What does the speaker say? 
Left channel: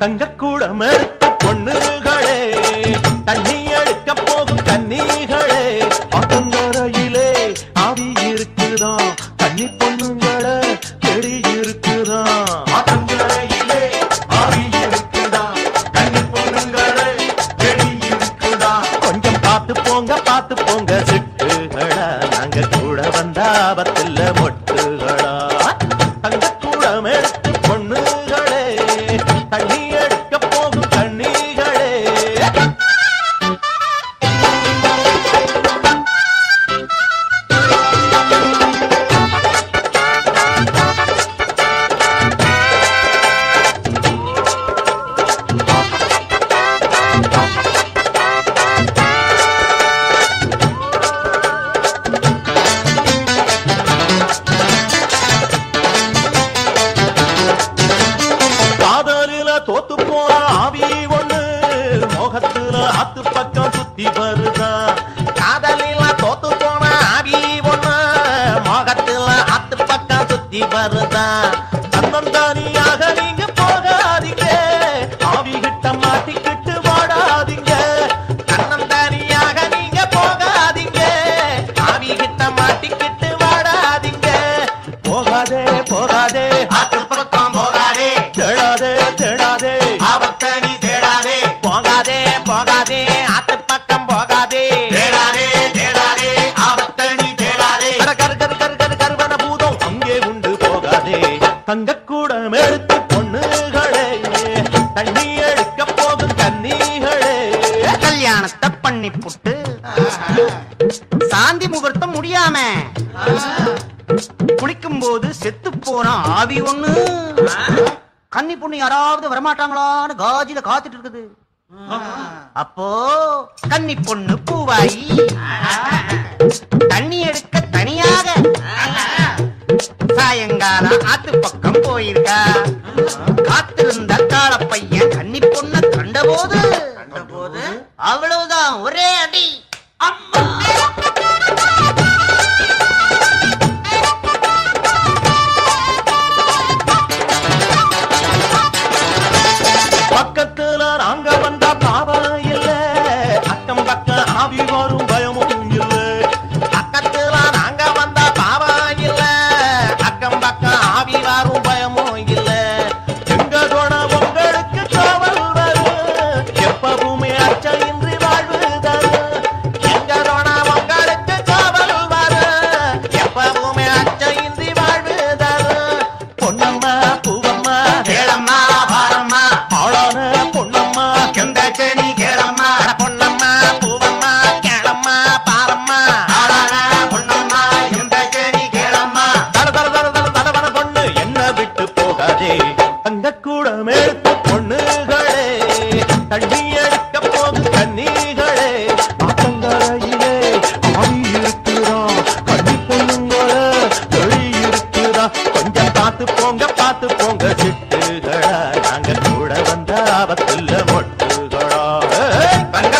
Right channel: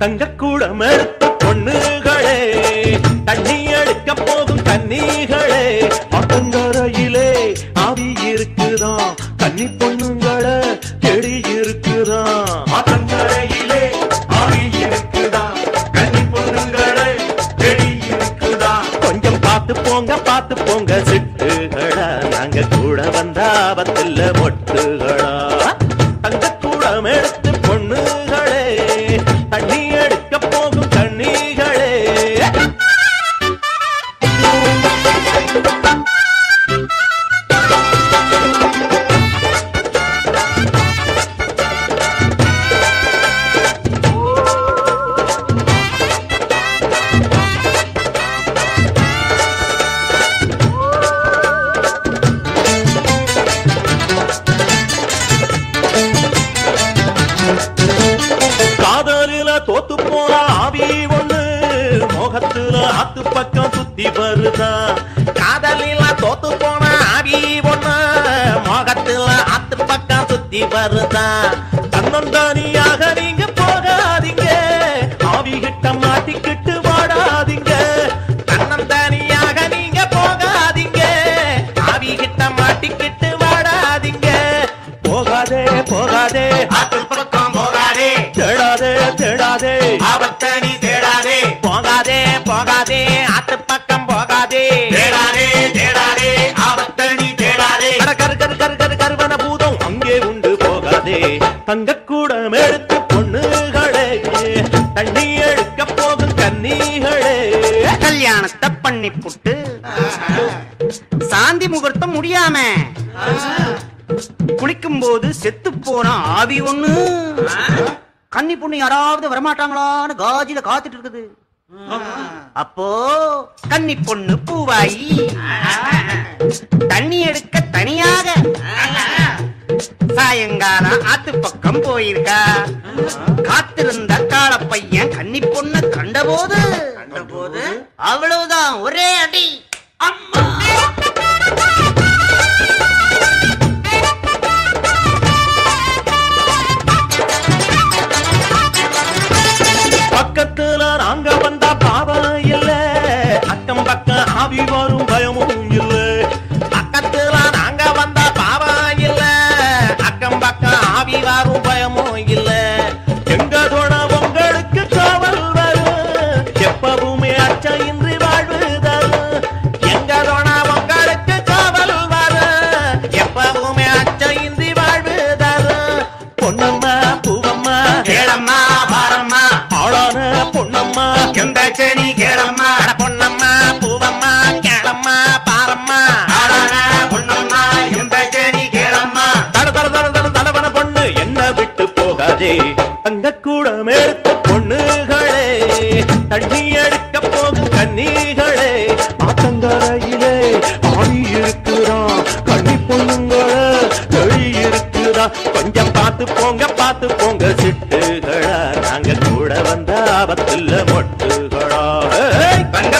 தங்கக்கூடம் எடுத்து பொண்ணுகளே, தண்ணி எடுக்க போகும் கன்னிகளே, ஆத்தங்கரையிலே ஆவி இருக்குதான், கன்னி பொண்ணுங்களே கெடி இருக்குதான். ஆத்தங்கரையிலே ஆவி இருக்குதான், கன்னி பொண்ணுங்களே கெடி இருக்குதான். கொஞ்சம் பார்த்து போங்க சிட்டுகளா, நாங்க கூட வந்த ஆபத்தில்ல மொட்டுகளா. தங்கக்கூடம் எடுத்து பொண்ணுகளே, தண்ணி எடுக்க போகும் கண்ணிகளே. காதலில தோத்து போன ஆவி ஒண்ணு மோகத்துல ஆத்து பக்கம் சுத்தி வருதா. காதலில தோத்து போன ஆவி ஒண்ணு மோகத்துல ஆத்து பக்கம் சுத்தி வருதா. தன்னந்தானியாக நீங்க போகாதீங்க, ஆவி கிட்ட மாட்டிக்கிட்டு வாடாதீங்க. தன்னந்தானியாக நீங்க போகாதீங்க, ஆவி கிட்ட மாட்டிக்கிட்டு வாடாதீங்க. போகாதே போகாதே ஆத்து பக்கம் போகாதே, தேடாதே ஆபத்தை நீ தேடாதே. போகாதே ஆத்து பக்கம் போகாதே, தேடாதே ஆபத்தை நீ தேடாதே. கருவன பூதம் அங்கே உண்டு போகாதே. தங்கக்கூடம் எடுத்து பொண்ணுகளே, தண்ணி எடுக்க போகும் கன்னிகளே. கல்யாணத்தை பண்ணி புட்டு சாந்தி முகூர்த்தம் முடியாம குளிக்கும் போது செத்து போன ஆவி ஒண்ணு கன்னி பொண்ணு யாராவது வரமாட்டாங்களான்னு காஜில காத்துட்டு இருக்குது. அப்போ கன்னி பொண்ணு பூவாயி தண்ணி எடுக்க தனியாக சாயங்காலம் ஆத்து பக்கம் போயிருக்கா. காத்திருந்த கால பையன் கன்னி பொண்ணு கண்டபோது அவ்வளவுதான் ஒரே அடி. அம்மா பக்கத்துல நாங்க வந்தா பாவம் இல்ல, அக்கம் பக்கம் ஆவி வரும் பயமும் இல்ல. பக்கத்துல நாங்க வந்தா பாவம் இல்ல, அக்கம் பக்கம் ஆவி வரும் பயமும் இல்ல. எங்க தோண உங்களுக்கு காவல் வரும், எப்பவுமே அச்சம் இன்றி வாழ்வு தரும். எங்க தோண உங்களுக்கு காவல் வரும், எப்பவுமே அச்சம் இன்றி வாழ்வு தரும். பொன்னம்மா பூவம்மா கேளம்மா பாரம்மா, ஆளான பொன்னம்மா எந்த செனி கேளம்மா. பொன்னம்மா பூவம்மா கேளம்மா பாரம்மா, ஆளான பொன்னம்மா எந்த செனி கேளம்மா. தடவன பொண்ணு என்ன விட்டு போகாதே. தங்கக்கூடம் எடுத்து பொண்ணுகளே, தண்ணி எடுக்க போகும் கன்னிகளே. ஆத்தங்கரையிலே ஆவி இருக்குறான், கன்னி பொண்ணுங்களே தெளி இருக்குதா. கொஞ்சம் பார்த்து போங்க சிட்டுகளா, நாங்க கூட வந்த ஆபத்துல மொட்டுகளா. தங்க